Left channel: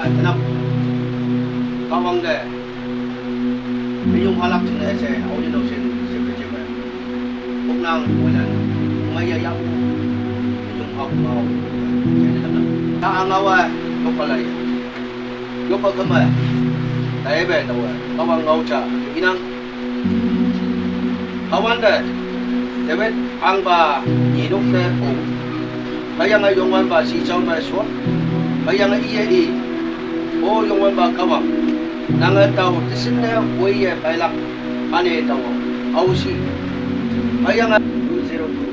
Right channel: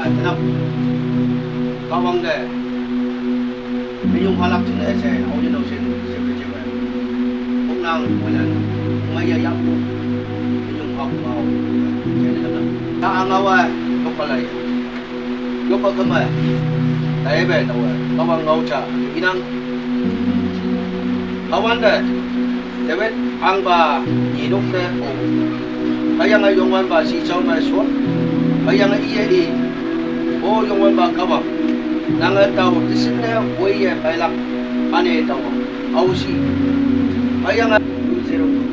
ai tenang kawang deh minum halak cina ese awalnya dosen secret nang walan maya yapu minum hak mau jadi tenang tak angawa kopalai kopal kemana tay be tahu kawang ngau cha inang kawan deh David ang ba idok te o kaya nga yongwan ba si chao mai suat kaya nga iya i o yongwan ba kawang nang tao tisin na wei ya bai lak ane tao au si kaya nga 202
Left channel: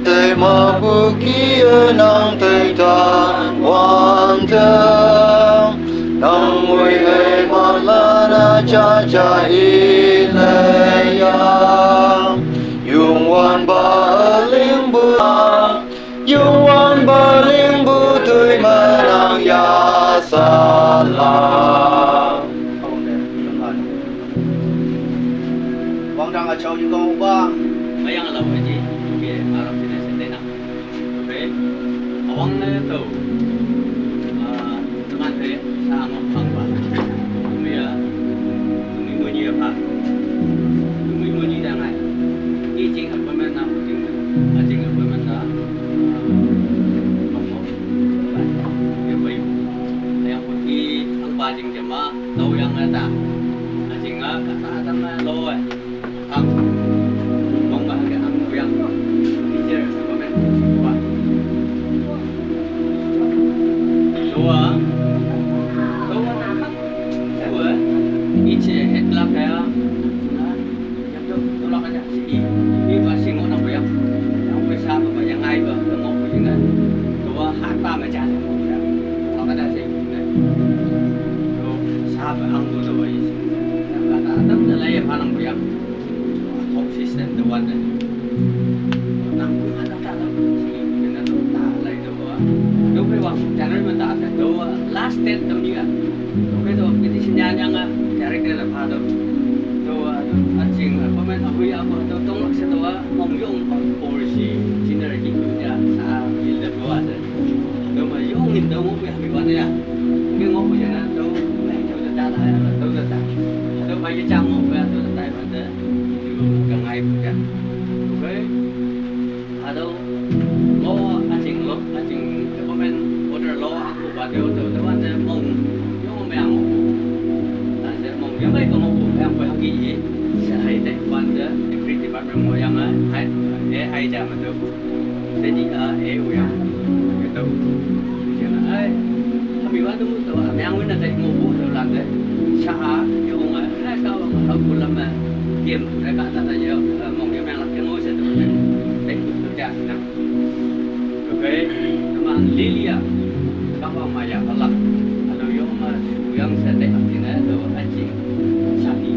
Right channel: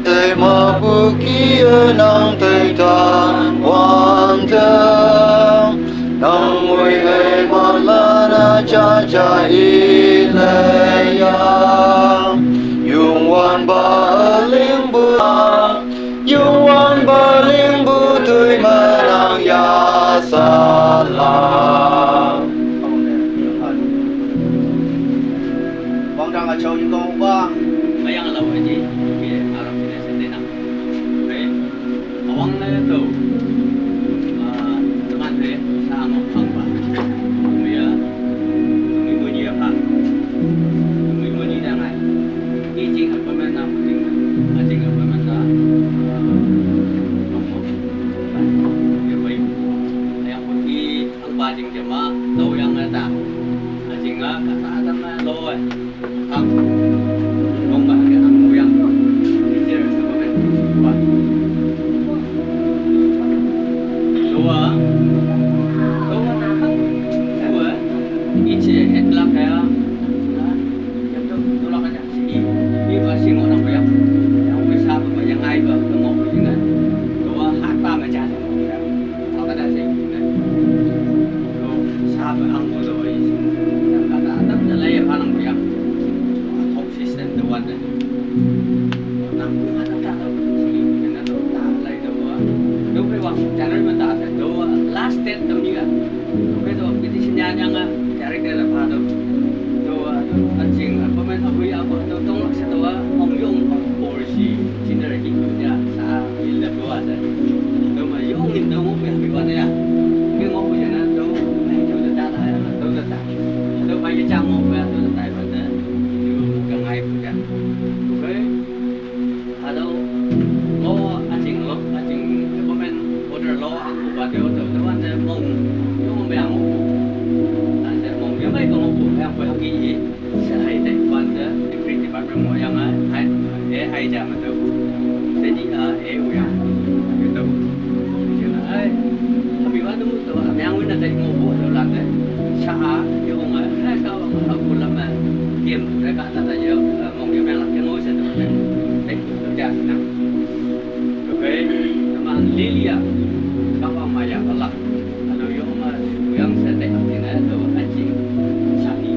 Tây ma bu kia nang tây tan wan thang nang mui hei ma la na cha cha i lei yang yung wan ba ling bu yung wan ba ling bu tui ma nang ya sa la Wang đang ở châu những con ba mấy anh lâu cái gì thì Arab sini sendiri nak, oke, awang le tu, teman tu sama apa, tumi bunyi apa, tumi bunyi jangan, ini jing apa mana, jing apa mana, kamu, ya baik, yang putih angpa jing jema, tahu yang ada, jing kata ada mana loe, ang Ngomong bahasa ang yang teacher komen dua ice headlock kayak yang tu tolak aja ini masih orang banyak yang bisa yang ai bah mau begini dua harta macam ya kalau ada sih dua sahabat ang tu dua isi yang kata ada dalam yang paling banyak system the one that nang pun ada tak tahu sih kena tu tak lagi tu đâu phải waktu channel mình tak tu last step tu ni kan okay tu kita sinyal yang cari dia lepas tu anjing apa main apa ya apa tu tong nak satu mong yung polisi Cina lagi punya sah bila tu ada tu mah yung ni tu mau pergi mana ya cái ngõ của nó tu này tu tak ada tu tak tu bayar camu tu tak ada gần ai cũng chẳng, ok, ada lo anjing cái bộ men order lo aku buat dia order, tapi ada mong, yang mau yang mau, ada mong yang baik kalau mau yang boleh pergi, saya ada pada creative department mau yang AI jam itu, jadi AI yang itu, jadi kami waktu itu yang mana ada mau buat tu lantai, saya yang ada kau aku lama game mereka tak saja mong yang nak yang ngoi satu kan teknik kerja nak oke teman Lilia kawan maya Allah kalau yang yang sedek artinya tu anjing sapi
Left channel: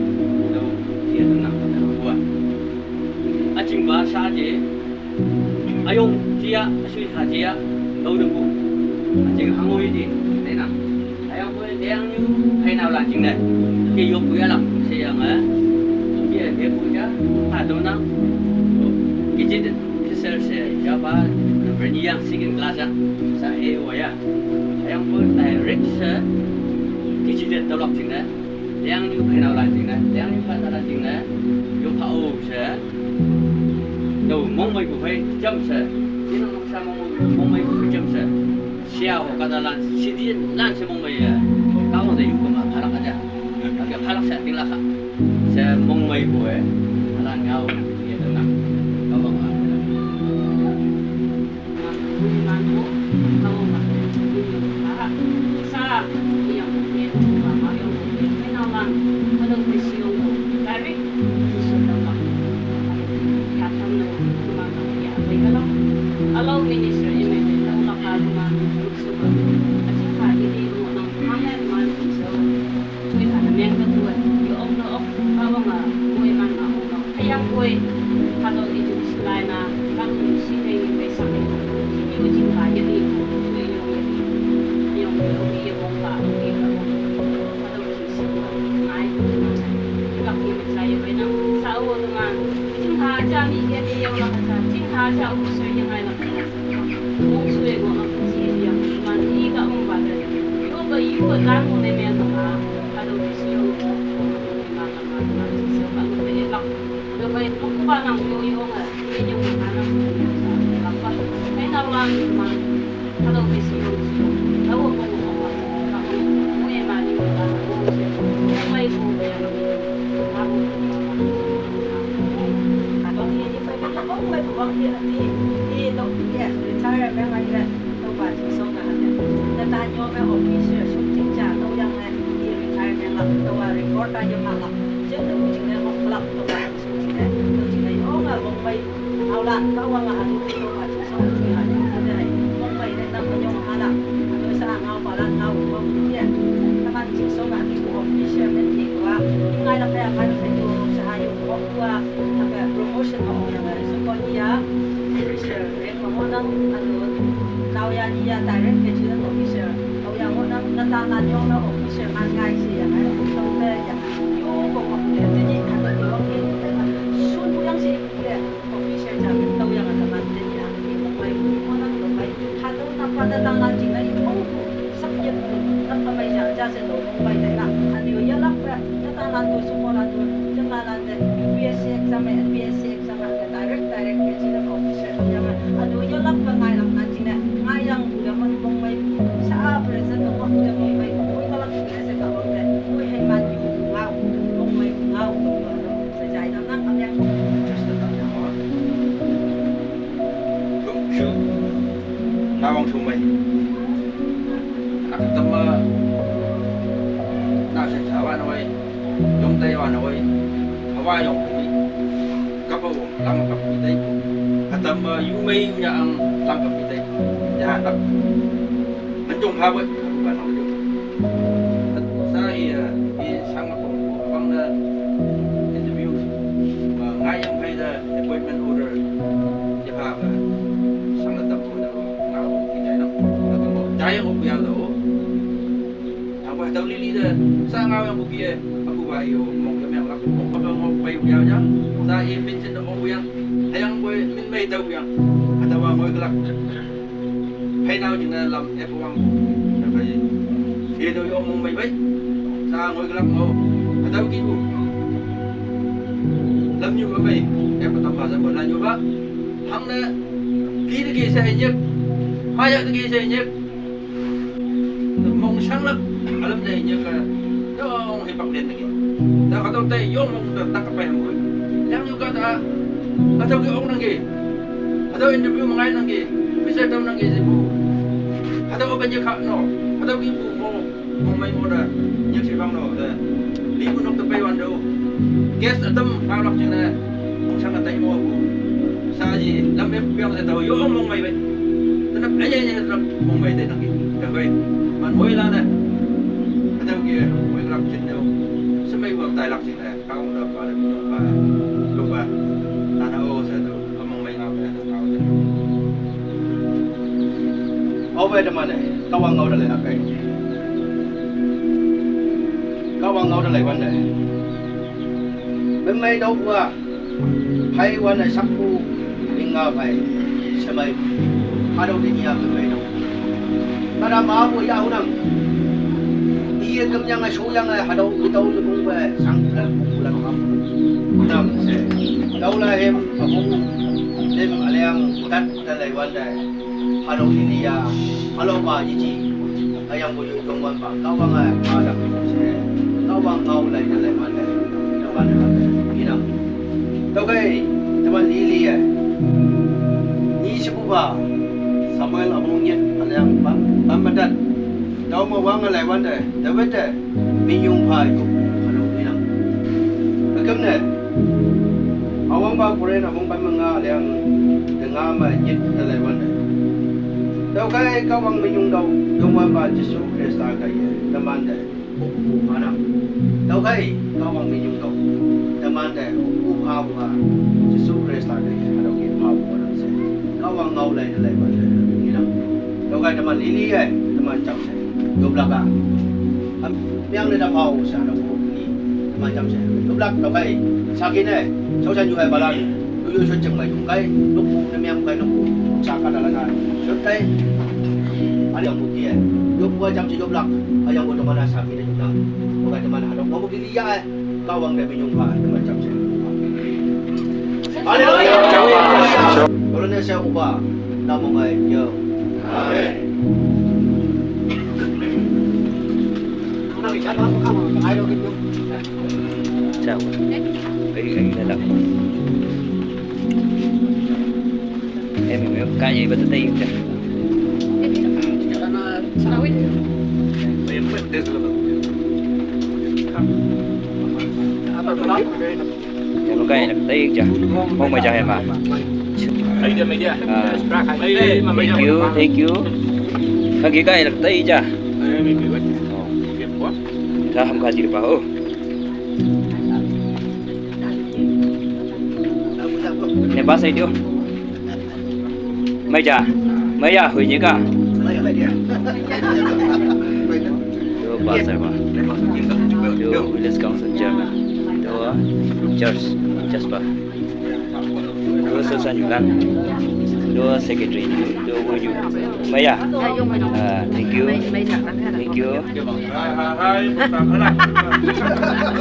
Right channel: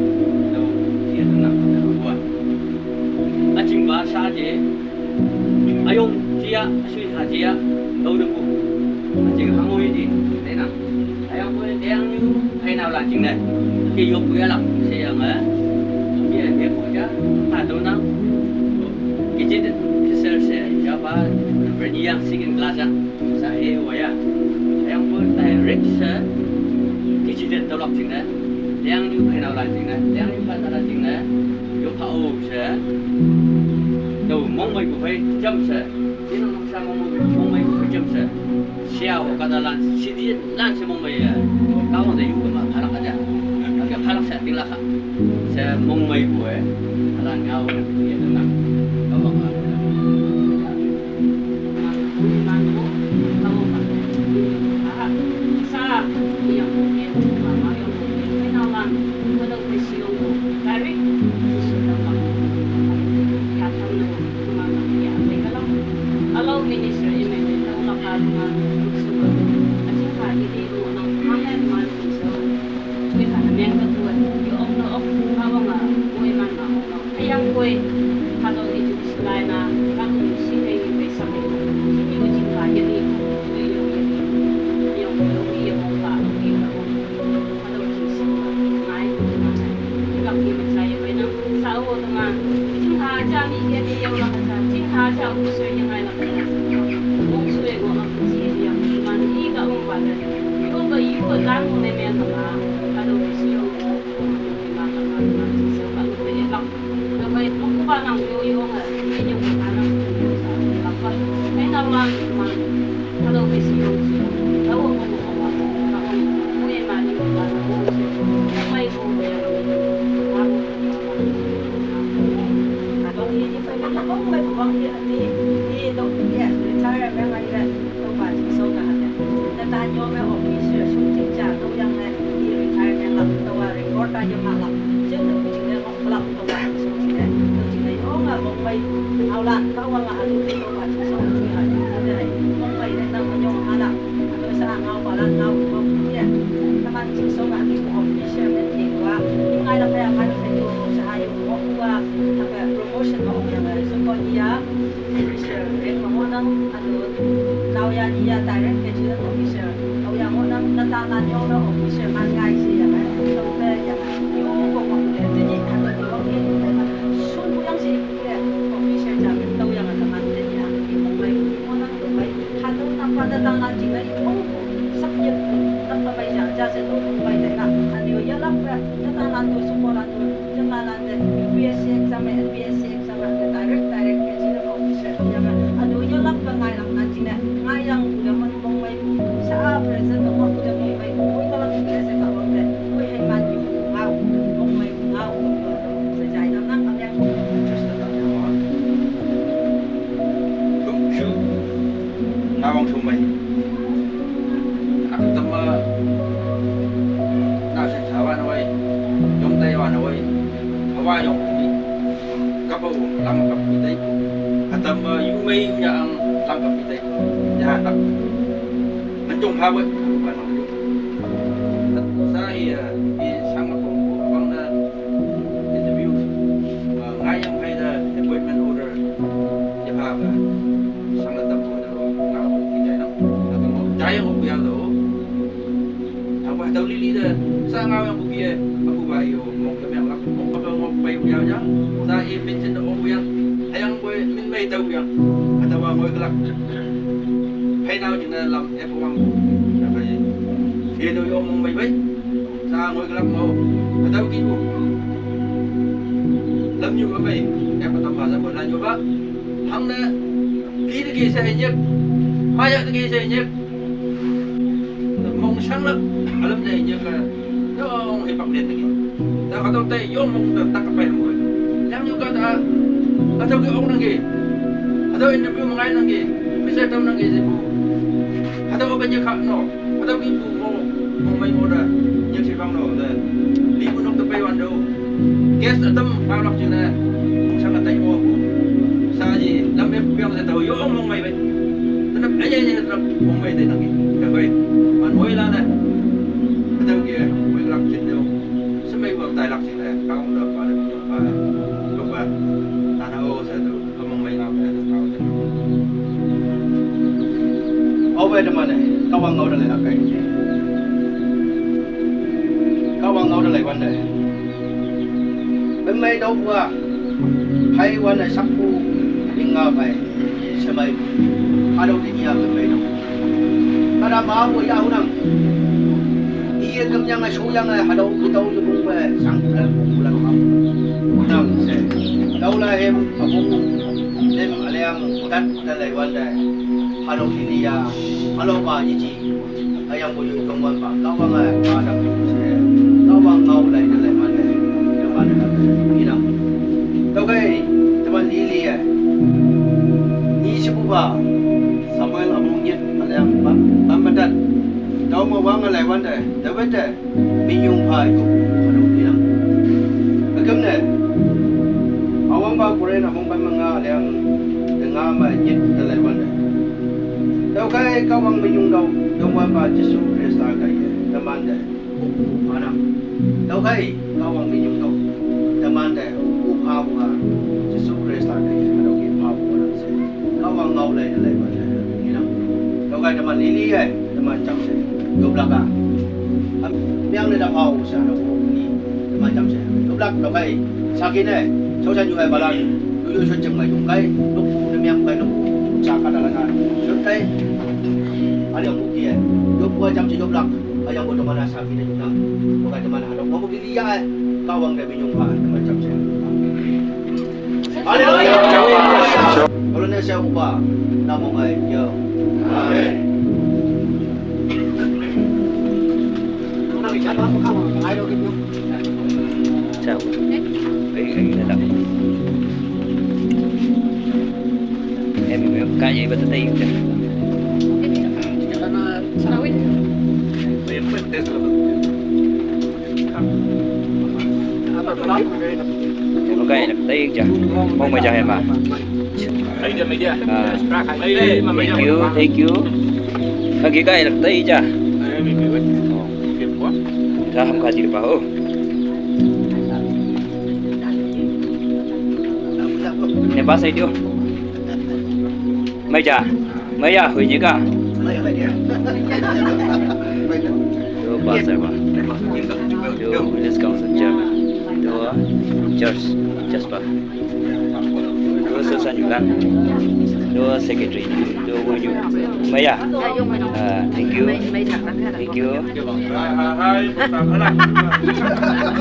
tu dia tenang buat anjing bahasa aja ayong dia sui haji tahu debu anjing hangoi di tenang ayong boleh yang ni hay nào làm chuyện này khi vô bữa làm xe dia dia punya ada nak kecil kecil saya jawab berniang sikit kelas saya ya yang pun direct saya kecil tolak cina yang ni kenal lah cina yang ni kata lah cina yo tahu saya tu mong mai bukan jam saya ini nak sama mong mai bukan jam saya siapa kata lah sedih lah semong mai ya kawan dah yuk mah halak aja agak halak saya tinggal saya mong mai gue alang ngau ya tenang kalau nggak Hello, Minister. Ini tahu nak kalau mana suka. Asyik hari ini orang mahal mana so. Kita nak yang kedua, yung kawang kue mana orang. Ayang kue kalau itu selain kalau sini yang besar itu, yung jingga jadi yung yung yung mongka yung kalau kisah naik mana. Kalau kita saya benar sawo dengan jingga aja ni dia yang lah aja. Jingga aja usul yang lain lah. Usul yang orang kecil yang mana iga orang pada. Yung ba yu la mo ne me na ka do si yo ma so ba mo be la do ba lu ko ba nang yo yo nga ni yo ma na la pa ai na la ma ka do si yo la wo ko ko ma ka mo e ma ni ba na mo mai ko be ya ma ko bang ini pada nak mai bang di dok dia retire memang ada tempat sokan ada. Tanya me officer shooting cha tu yang di retire memang tu record aja malah. Jadi tu jika mau kelak tu kan shooting tu jika yo nggak mau mai awlan kau nggak ada di tempat shooting ada. Jadi mau mai nak menyong halak. Terus ngau balan ngau bang dia. Teman cik sokan di officer nanti gua ingai lah kayak kan saya sahayu gua apa promotion mau yang so kau dia officer mau nang anu tao ya dia direct ke children officer tao yang mau nang natangan yo na officer man ngai si yang tao ke yang yo ko mo de jadi ada tu orang ini sun yang si officer jadi tao yang ada man de ya mau nang tu mai hadu apa natangan jina itu subject apa mai ja se tu mai de na anu ya lah natangan tu semua tu jangan de BSc exam exam ke direct ke children officer yang anu ya lah pengai lah nanti ngayang udah menbong mai sa present mo udah mong mai oi kalau biasa ka wang deh oi hay man yu ngau mong mai ngau sa jai nam nang am yang just the time đó cũng chứ nào vòng thùng mày tâm nào sẽ thảo anh ơi dùng tay anh ơi hawa dùng cái cấp bộ làm cấp y tế tâm yu mây nhà ăn làm cấp y tế nhà tập mình chung phá với bạn nói chung saya đi sang một phòng của băng interview và ngay trong hay là appointment order để phá và sang là tập của nó nào thì chạy lắm là cái một trái không bao giờ apa tahu lili dah sang ngau yang buki aku bayu mau ke memang aku mau apa mau bayu dia aja saya mention orang yang yang boleh min mai tahu yang atau orang boleh kelak hay nào chỉ là làm em không là phải đi tôi ôm mong mày mấy sao ngồi cái lắm ngô mà tao kêu làm như vậy em có tập vào ra một lần như vậy thằng này kỹ cái xe nhất mai giờ cái xe nhất mong sáng lắm ở lâm này như là nó ông thì bật đèn này tao có tao tay vô mong tao cái bèn mũi đang như cái ta tao cái ông đang gì tao interview một ngày đang gì bây giờ tao đang gì bu atau apa je kak no atau ibu mau mai moda như si bang no de di bu nok tepai wan do kes atem palak jena mong sang atai mo bu sa ji lam em piang sa tau yo mong mai bai tetap aja tetap mong mai te nangi ka koi man moi la na atau kia moi lak jen do semai bu tai lak jena ka ong da pa da pi pa lu ba tanah o sa tu mong mai ngam da tau de ở về trong này các bạn ngồi đây là cái các bạn ngồi đây vấn đề bên mấy đâu qua hay vấn đề sắp phu đi ngờ phải xem mấy hai đâu đi nhà bên mấy đâu ta đã bảo với nhau rằng đi cầm nhang số nhang này hai đâu đi đâu cũng về sáng lần không năm sẽ đâu là em ở vùng đêm ở làng đất đây là vấn đề hai đâu đi nhà alo ba gì chị ayang bộ công an bang kau bang ada kau bang kau lain mana yang mana ina kau kai teman lili ni sebuah Samuel abang nyet ayang pamadan kau mau bang lain mana dapat deh minum pai kau alo ina agam ne awang ba Korea abang pamanga ayang dengar nyet lain mana đâu cái cao bằng mình dùng đâu dùng qua bà chỉ số Krista cái tâm an để mà nằm đâu cái cao bằng mình dùng đâu tâm an để upha buha chỉ số Krista cái đâu cái upha buha nằm sẽ cao bằng ngầu lại vấn đề như nào đâu cái tâm an lý lý ấy tâm an chăm sẽ dùng lạc à miếng này đâm hậu sẽ đâu có gì tâm an chăm sẽ dùng lạc đâu cái sau khi này sau khi dùng hai lần tôi cho chừng mày dùng cái lúc nó miếng cái lúc sa ka dalangan. Siyempre, ano yung buti eh. Yung buhay jam si Joblak. ayang mo naman nasabi na yun na huwag naman hanap mo diliya kawang na binyong haan na macam siya Hallelujah kalau na siya uba namong ay yo Amen Sao? Ấy là đọc. Em mình cái gì bên tay kìa. Em có cái là tay kìa. Không mà cho em à. Thank you. Cái cái là tay kìa. Ra không có gì được bảo. Nè bác xây điêu. Mấy à, hủy nhỉ cả. Đưa bác xây bà. Đưa Willis Council Chairman. Đưa Church bà. Đưa sơ sản nhủ lăn. Đưa Secretary. Đưa vui nhủ. Mấy à? Thank you. Thank you.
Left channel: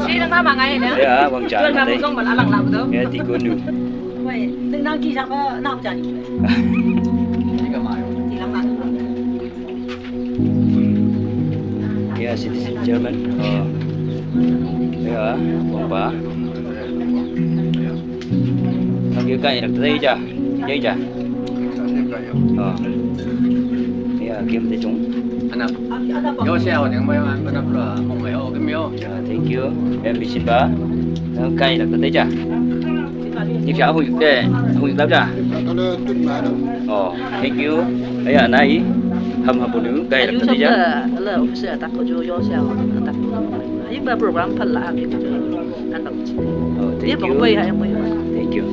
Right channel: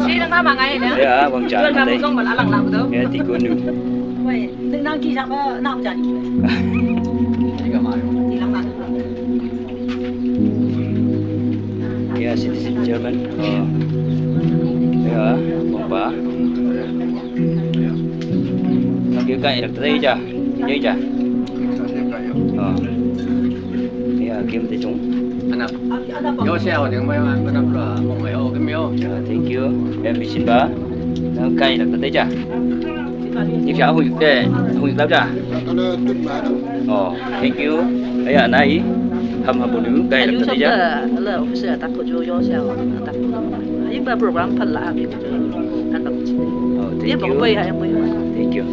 Đi đang tha mà ngày nữa. Đấy à, vâng trả. Chưa làm công mà đã lặng lặng đâu. Thì cô nữ. Vậy, đừng đang chi sao nào trả đi. Thì lặng lặng. Yeah, citizen German. Yeah, vâng bà. Cái cây đặt đây chưa? Dây chưa? Yeah, kiếm thấy chúng. anak Ada yo siya yung may anak ra mo may o kimyo Thank you. Em bị xin ba. Cây đặt đây chưa? Nhưng cháu hụi để hụi lắm chưa? Thank you. Ấy à này. Hầm hầm bún nướng cây đặt đây chưa? là officer tak ko jo siya tak ko. Yung ba program pala abi ko anak ko. Dia Thank bang bay you. hay bay. Thank you.